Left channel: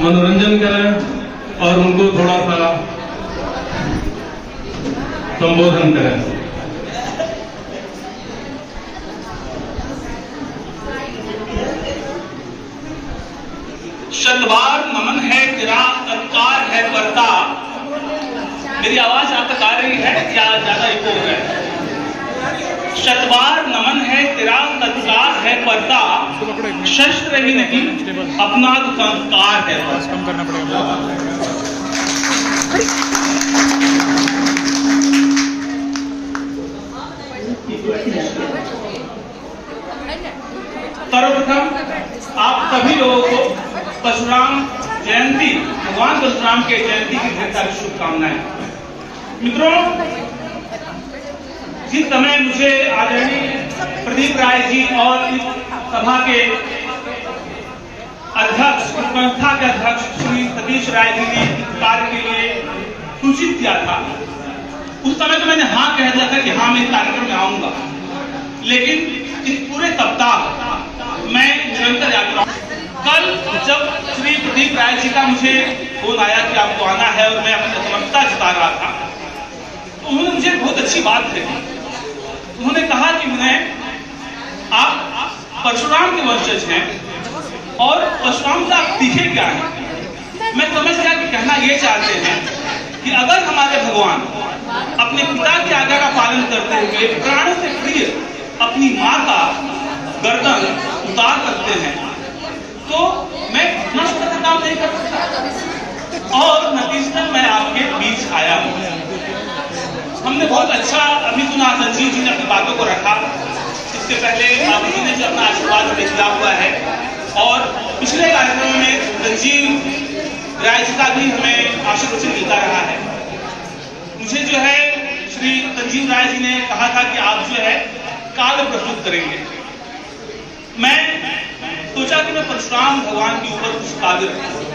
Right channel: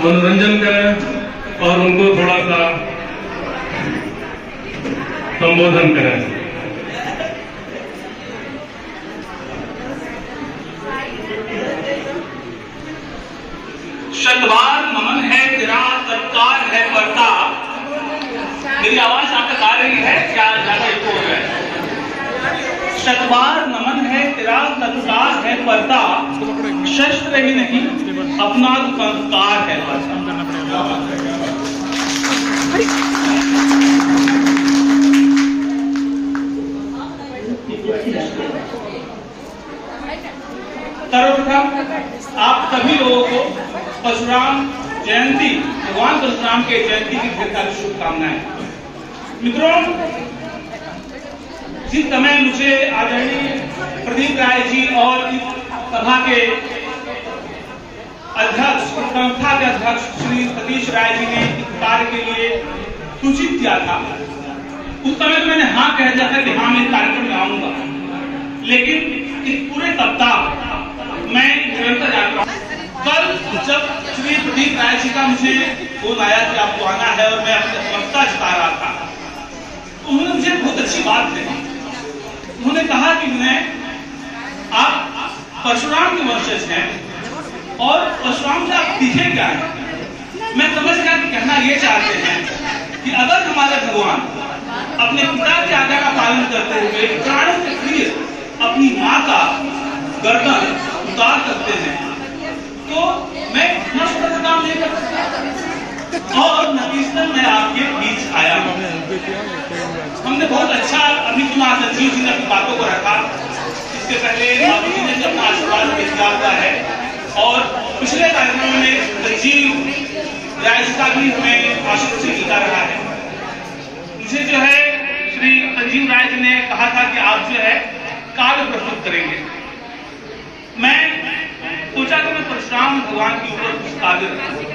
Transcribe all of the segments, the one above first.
मनोरंजन करें और उनको थोड़ा सा संबोधन करें। शतबार नमन है तेरा सत्कार है करता। मेरी आवाज आप तक आ रही है क्या? ज्यादा इको हो रहा है। शतबार नमन है तेरा सत्कार है करता, शस्त्र ही नहीं अपना तो संस्कार है। कम करना पड़ेगा। सर्वप्रथम आप सभी लोगों को परशुराम जयंती, भगवान परशुराम के जयंती की ढेर सारी शुभकामनाएं। मित्रों, जिस समय मुझे आदरणीय प्रदीप राय जी और इस सभा के अध्यक्ष, संस्था के अध्यक्ष श्री सतीश राय जी ने इस कार्य के लिए सूचित किया था, उस समय तो मैंने हाँ कह दिया था कि हाँ मैं इस कार्यक्रम में आऊंगा। लेकिन इस पूरे सप्ताह मैं निरंतर यात्रा। कल जब श्री प्रदीप राय जी का मुझे फोन आया कि आपको आना है और मैं अपनी असमर्थता जता रहा था, तो उन्होंने मुझे बहुत अच्छी बात कही। उन्होंने कहा कि आप परशुराम के वंशज हैं और परशुराम से आप सीखे क्या हैं। मैं समझ गया कि कहना ये चाहते हैं कि अगर हमारे भगवान अपने पिता की आज्ञा का पालन करते हुए प्राणों से प्रिय अपनी माँ का गर्दन उतार सकते हैं, तो मैं इतना छोटा काम नहीं कर सकता। और नतीजतन मैं आपके बीच आया हूँ। हमने बहुत अच्छा अभी सुना, संजीव जी ने अपनी बातों को रखा। इससे पहले बाबू जी ने जो अपना आशीर्वाद हमें दिया हुआ है, और पिछले कार्यक्रम में संजीव राय जी का भी हमें आशीर्वचन मिलता रहा है। मुझे जो है श्री संजीव राय जी ने कहा था कि आप जो है काव्य प्रस्तुत करेंगे। मैं सोचा कि मैं परशुराम भगवान के ऊपर कुछ काव्य रखूं,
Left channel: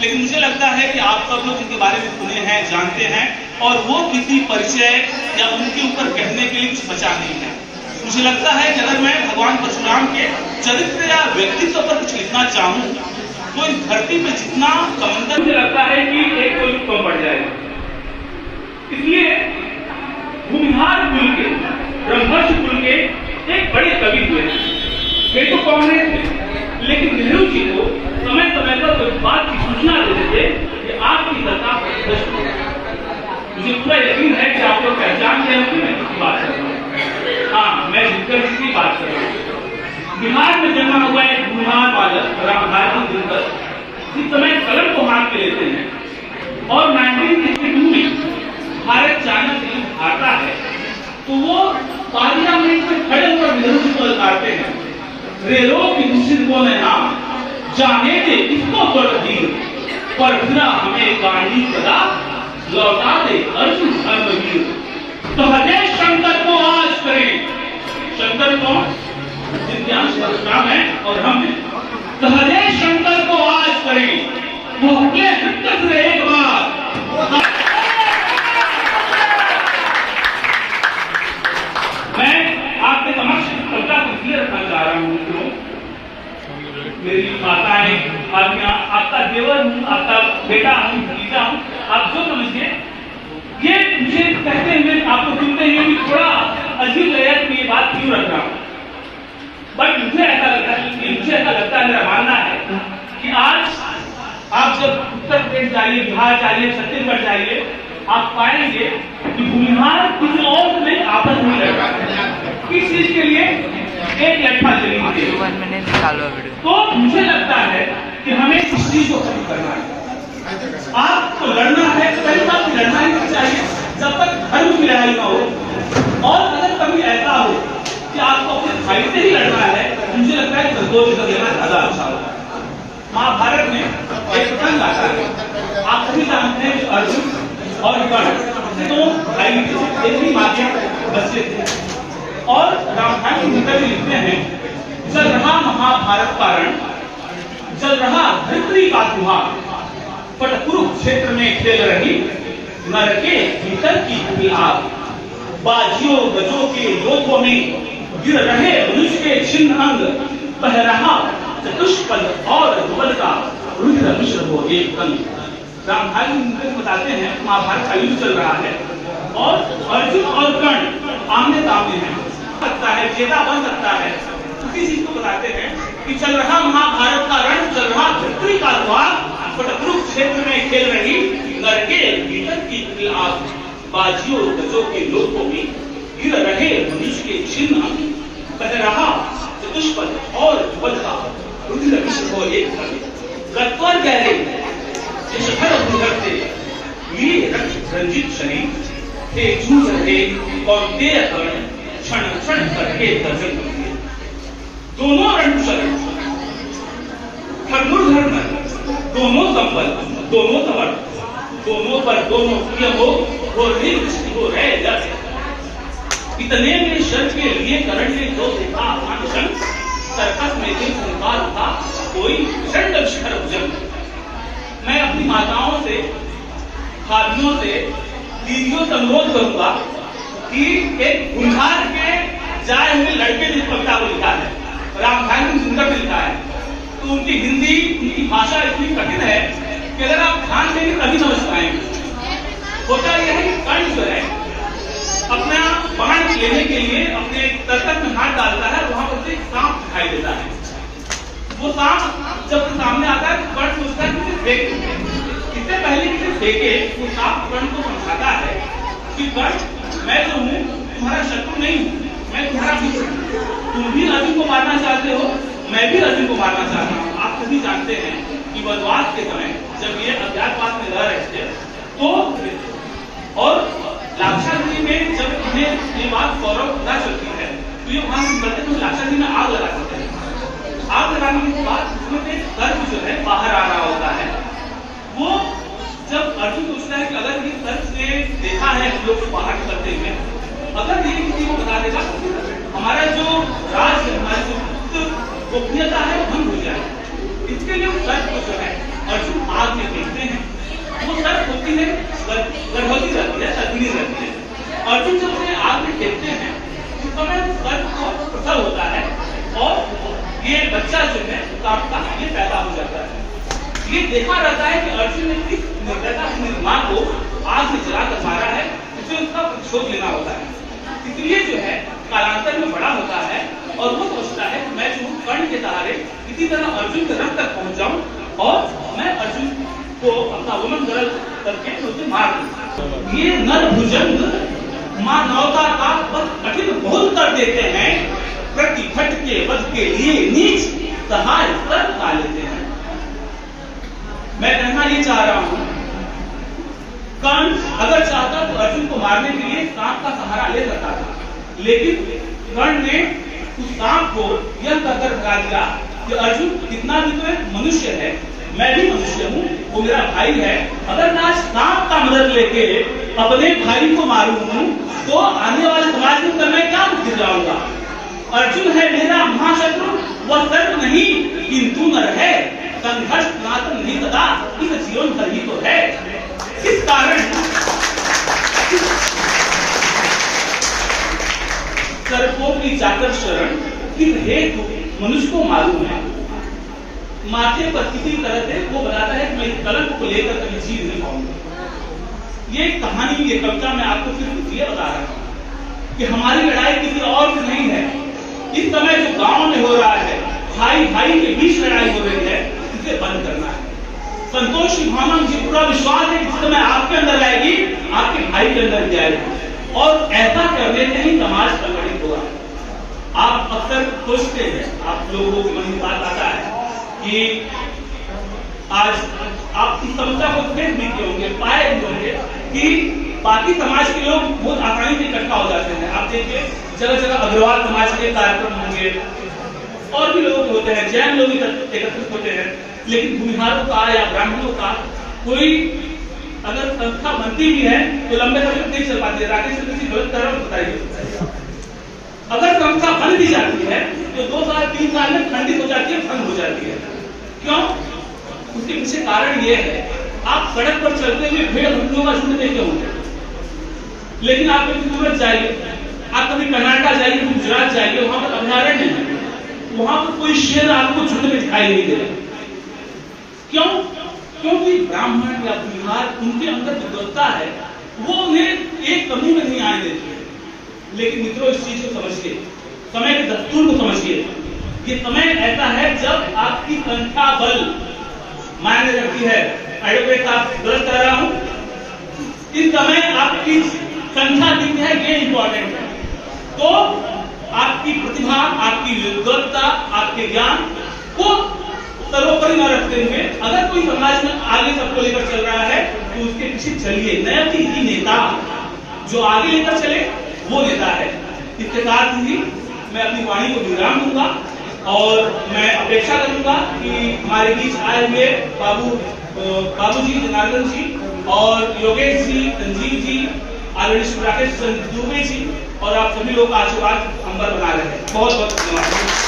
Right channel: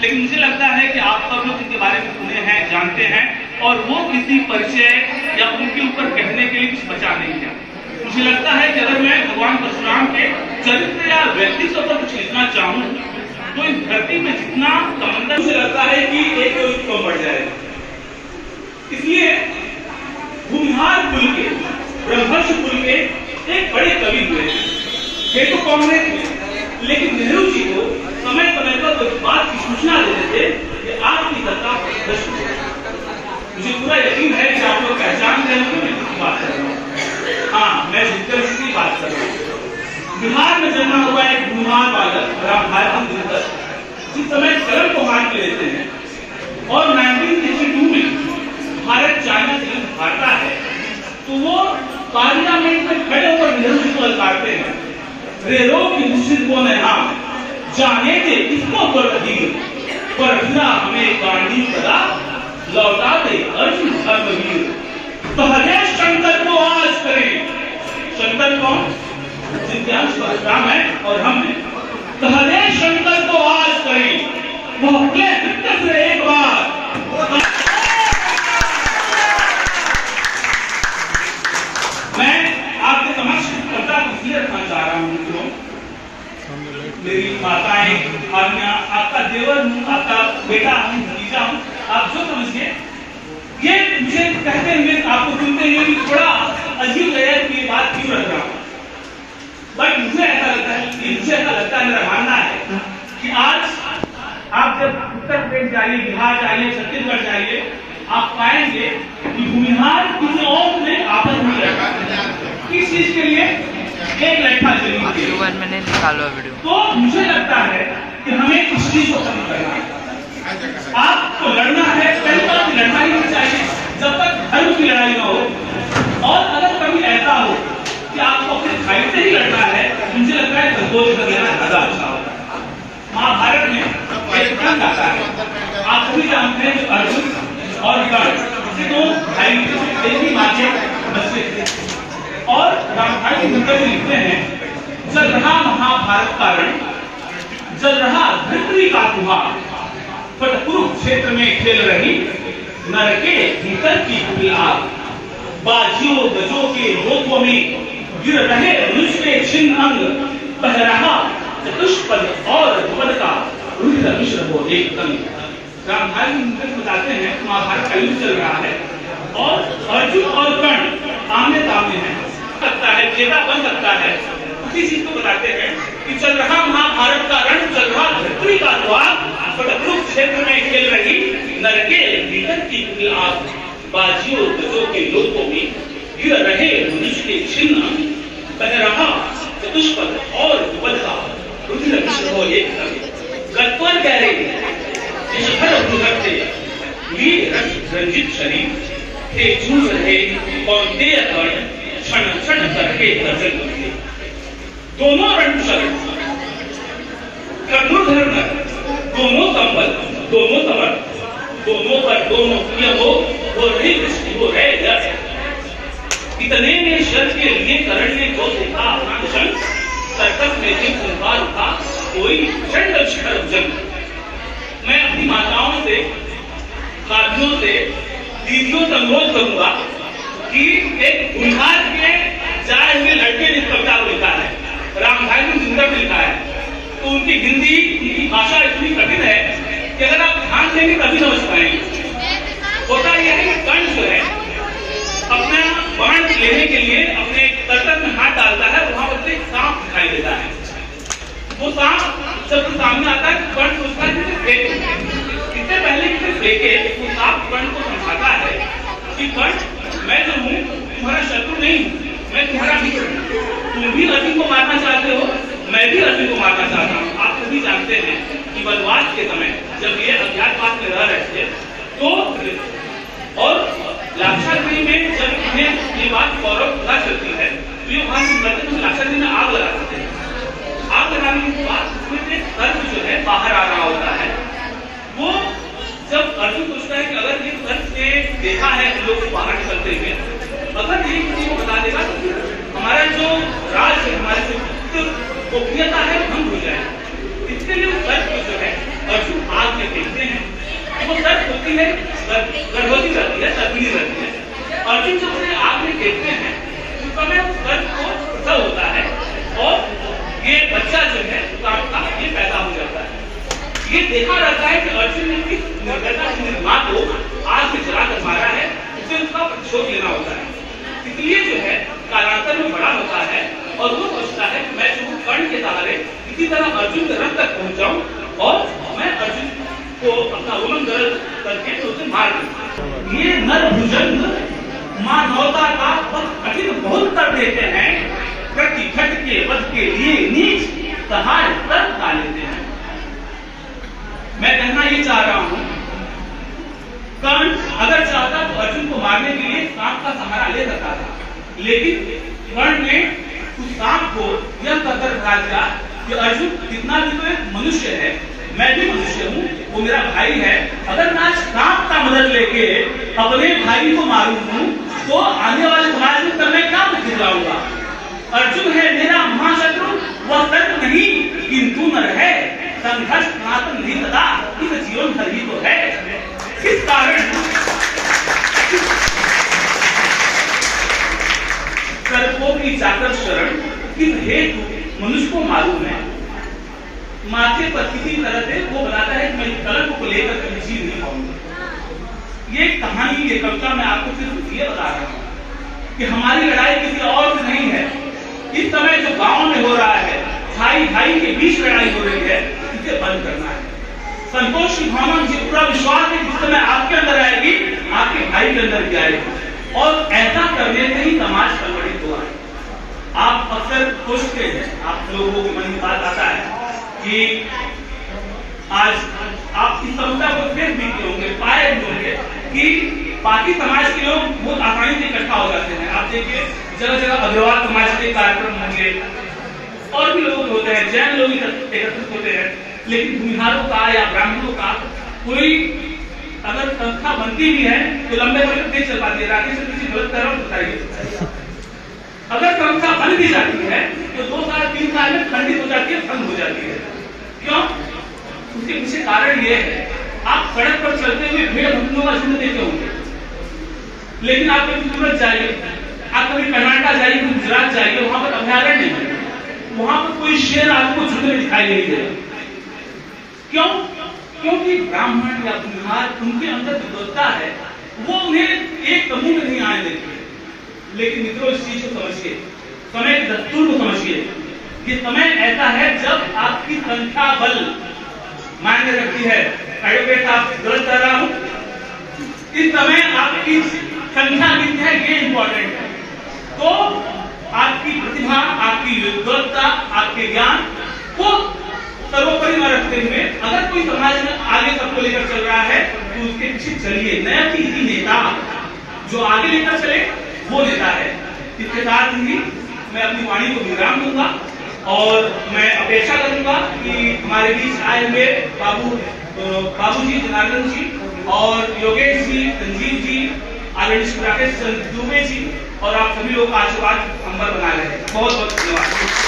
लेकिन मुझे लगता है कि आप सब लोग इनके बारे में सुने हैं, जानते हैं, और वो किसी परिचय या उनके ऊपर कहने के लिए कुछ बचा नहीं है। मुझे लगता है कि अगर मैं भगवान परशुराम के चरित्र या व्यक्तित्व पर कुछ लिखना चाहूं, तो इस धरती में जितना समंदर, मुझे लगता है कि एक तो कम पड़ जाएगा। इसलिए भूमिहार कुल के, ब्रह्मर्षि कुल के एक बड़े कवि हुए, ये तो कांग्रेस हुए, लेकिन नेहरू जी को समय समय पर इस बात की सूचना देते थे कि आपकी सत्ता भ्रष्ट हो। मुझे पूरा यकीन है कि आप लोग पहचान रहे हो कि मैं किसकी बात कर रहा हूँ। हाँ, मैं दिनकर की बात कर रहा हूँ। बिहार में जन्मा हुआ एक भूमिहार बालक रामभाई दिनकर जिस समय कलम को हाथ में लेते हैं और 1962 में भारत चाइना से युद्ध हारता है, तो वो पार्लियामेंट में खड़े होकर नेहरू जी को ललकारते हैं, रेलो की मुश्किल को में हम जाने दे इसको परधीर, पर फिरा हमें गांधी सदा लौटा दे अर्जुन धर्मवीर। तो हरे शंकर को आज करें। शंकर कौन? जिनके अंश परशुराम है और हम हैं। तो हरे शंकर को आज करें। वो अपने हित से एक बार मैं आपके समक्ष कविता को इसलिए रखना चाह रहा हूँ मित्रों, मेरी माताएं, आपका देवर हूँ, आपका बेटा हूँ, भतीजा हूँ, आप जो समझिए। ये मुझे कहते हुए, आपको सुनते हुए भी थोड़ा अजीब लगा कि ये बात क्यों रख रहा हूँ, बट मुझे ऐसा लगता है, मेरा मानना है कि आज आप जब उत्तर प्रदेश जाइए, बिहार जाइए, छत्तीसगढ़ जाइए, आप पाएंगे कि भूमिहार किसी और में आपस नहीं लड़ता है। किस चीज के लिए? एक लट्ठा जमीन के लिए। मैंने निकाला वीडियो। तो मुझे लगता है कि हमें इस चीज को खत्म करना है। आपको लड़ना है, पहली बात लड़ना ही नहीं चाहिए जब तक धर्म की लड़ाई ना हो। और अगर कभी ऐसा हो कि आपको अपने भाई से ही लड़ना है, मुझे लगता है संतोष कर लेना ज्यादा अच्छा होगा। महाभारत में एक प्रसंग आता है, आप सभी जानते हैं, अर्जुन और कर्ण दो भाई एक ही माँ के बच्चे थे। और रामधारी सिंह जी लिखते हैं, चल रहा महाभारत का रण, चल रहा धरती का त्योहार, पर कुरुक्षेत्र में खेल रही नर के भीतर की आग। बाजियों गजों के लोथों में गिर रहे मनुष्य के छिन्न अंग, बह रहा चतुष्पद और ध्रुवद का रुद्र मिश्र हो एक तन। रामधारी बताते हैं महाभारत का युद्ध चल रहा है और अर्जुन और कर्ण आमने सामने हैं, सकता है विजेता बन सकता है। उसी चीज को बताते हैं कि चल रहा महाभारत का रण, चल रहा धरती का द्वार, कुरुक्षेत्र क्षेत्र में खेल रही नरके भीतर की आग, बाजियों गजों के लोकों में गिर रहे मनुष्य के छिन्न, बह रहा चतुष्पद और बधा रुधिर मिश्र हो एक गत्वर गहरे जिसभर भूधरते लिए रंजित शरीर थे जूझ रहे कौंतेय कर्ण क्षण क्षण करके दर्जन करते। दोनों रणशरण धनुर्धर नर, दोनों कंबल, दोनों तवर, दोनों पर दोनों प्रिय हो रही दृष्टि हो रहे जड़। इतने में शर के लिए करण ने जो देखा अपना निशन, सर्कस में भी संहार था कोई प्रचंड शिखर जन। मैं अपनी माताओं से, भाभियों से, दीदियों से अनुरोध करूंगा कि एक गुलहार के जाए हुए लड़के ने इस कविता को लिखा है, रामधारी ने सुंदर ने लिखा है, तो उनकी हिंदी, उनकी भाषा इतनी कठिन है कि अगर आप ध्यान देंगे तभी समझ पाएंगे। होता यह है कि कर्ण जो है अपना बाण लेने के लिए अपने तर्कत में हाथ डालता है, वहां पर एक सांप दिखाई देता है। वो सांप जब सामने आता है तो कर्ण सोचता है कि फेंक, इससे पहले कि फेंके वो सांप कर्ण को समझाता है कि कर्ण मैं जो हूँ तुम्हारा शत्रु नहीं हूँ, मैं तुम्हारा मित्र हूँ। तुम भी अर्जुन को मारना चाहते हो, मैं भी अर्जुन को मारना चाहता हूँ। आप सभी जानते हैं कि वनवास के समय जब ये अज्ञातवास में रह रहे थे तो और लाक्षागृह में जब इन्हें ये बात गौरव पता चलती है तो ये वहां से करते हैं, लाक्षागृह में आग लगा सकते हैं। आग लगाने के बाद उसमें से सर्प जो है बाहर आ रहा होता है। वो जब अर्जुन पूछता है कि अगर ये सर्प से देखा है हम लोग बाहर निकलते हुए, अगर ये किसी को बता देगा तो हमारा जो राज है, हमारी जो गोपनीयता है भंग हो जाए। इसके लिए उस सर्प को जो है अर्जुन आग में फेंकते हैं। वो सर्प होती है गर्भवती रहती है, सर्पिणी रहती है। अर्जुन जब उन्हें आग में फेंकते हैं उस समय सर्प को प्रसव होता है और ये बच्चा जो है सांप का ये पैदा हो जाता है। ये देखा जाता है कि अर्जुन ने किस निर्दयता से मां को आग में जलाकर मारा है, उसे उसका प्रतिशोध लेना होता है। इसलिए जो है कालांतर में बड़ा होता है और वो सोचता है कि मैं जो कर्ण के सहारे इसी तरह अर्जुन के रथ तक पहुंच जाऊं और मैं अर्जुन को अपना उमन गरल करके उसे मार दूं। ये नर भुजंग मानवता का पथ कठिन बहुत कर देते हैं, प्रति घट के वध के लिए नीच सहाय पर उठा लेते हैं। मैं कहना ये चाह रहा हूं, कर्ण अगर चाहता तो अर्जुन को मारने के लिए सांप का सहारा ले सकता था, लेकिन कर्ण ने उस सांप को यह कहकर भगा दिया कि अर्जुन कितना भी तो एक मनुष्य है, मैं भी मनुष्य हूँ, वो मेरा भाई है। अगर मैं आज सांप का मदद लेके अपने भाई को मारूं तो आने वाले समाज में मैं क्या मुझे जाऊंगा। अर्जुन है मेरा महाशत्रु, वह सर्प नहीं किंतु नर है, संघर्ष सनातन नहीं सदा, इस जीवन भर ही तो है। किस कारण सर्पों की जाकर शरण, किस हेतु मनुष्य को मालूम है। माथे पर किसी तरह से वो बताता है कि मैं इस कलंक को लेकर कभी जी नहीं पाऊंगा। ये कहानी, ये कविता मैं आपको सिर्फ ये बता रहा हूं कि हमारी लड़ाई किसी और से नहीं है। इस समय जो गांव में हो रहा है, भाई भाई के बीच लड़ाई हो रही है, इसे बंद करना है। संतोष की भावना, मुझे पूरा विश्वास है कि जिस समय आपके अंदर आएगी, आपके भाई के अंदर भी आएगी और ऐसा करने से ही समाज संगठित होगा। आप अक्सर सोचते हैं, आप लोगों के मन में बात आता है कि आज आप इस समस्या को देख भी होंगे, पाए भी होंगे कि बाकी समाज के लोग बहुत आसानी से इकट्ठा हो जाते हैं। आप देखिए जगह जगह अग्रवाल समाज के कार्यक्रम होंगे और भी लोग होते हैं, जैन लोग एकत्रित होते हैं, लेकिन भूमिहारों का या ब्राह्मणों का कोई अगर संस्था बनती भी है तो लंबे समय तक नहीं चल पाती है। राकेश किसी गलत कर रहा हूं बताइए। अगर संस्था बन भी जाती है तो 2 साल 3 साल में खंडित हो जाती है, भंग हो जाती है। क्यों? उसके पीछे कारण ये है, आप सड़क पर चलते हुए भेड़ बकरियों का झुंड देखे होंगे, लेकिन आप कभी सूरत जाइए, आप कभी कर्नाटक जाइए, गुजरात जाइए, वहां पर अभयारण्य है, वहां पर कोई शेर आपको झुंड में दिखाई नहीं दे। क्यों? क्योंकि ब्राह्मण या बिहार उनके अंदर जो दत्ता है वो उन्हें एक समूह में नहीं आने देती है। लेकिन मित्रों, इस चीज को समझिए, समय के दस्तूर को समझिए। ये समय ऐसा है जब आपकी संख्या बल मायने रखती है। एडवोकेट साहब, गलत कर रहा हूं? इस समय आपकी संख्या कितनी है ये इंपॉर्टेंट है। तो आपकी प्रतिभा, आपकी विद्वत्ता, आपके ज्ञान को सर्वोपरि में रखते हुए अगर कोई समाज में आगे सबको लेकर चल रहा है तो उसके पीछे चलिए। नया ही नेता जो आगे लेकर चले वो नेता है। इसके साथ ही मैं अपनी वाणी को विराम दूंगा और मैं अपेक्षा करूंगा कि हमारे बीच आए हुए बाबूजी, जनार्दन जी और योगेश जी, संजीव जी, आदरणीय राकेश चंद्र दुबे जी और आप सभी लोग आशीर्वाद अंबर बना रहे हैं। बहुत बहुत धन्यवाद।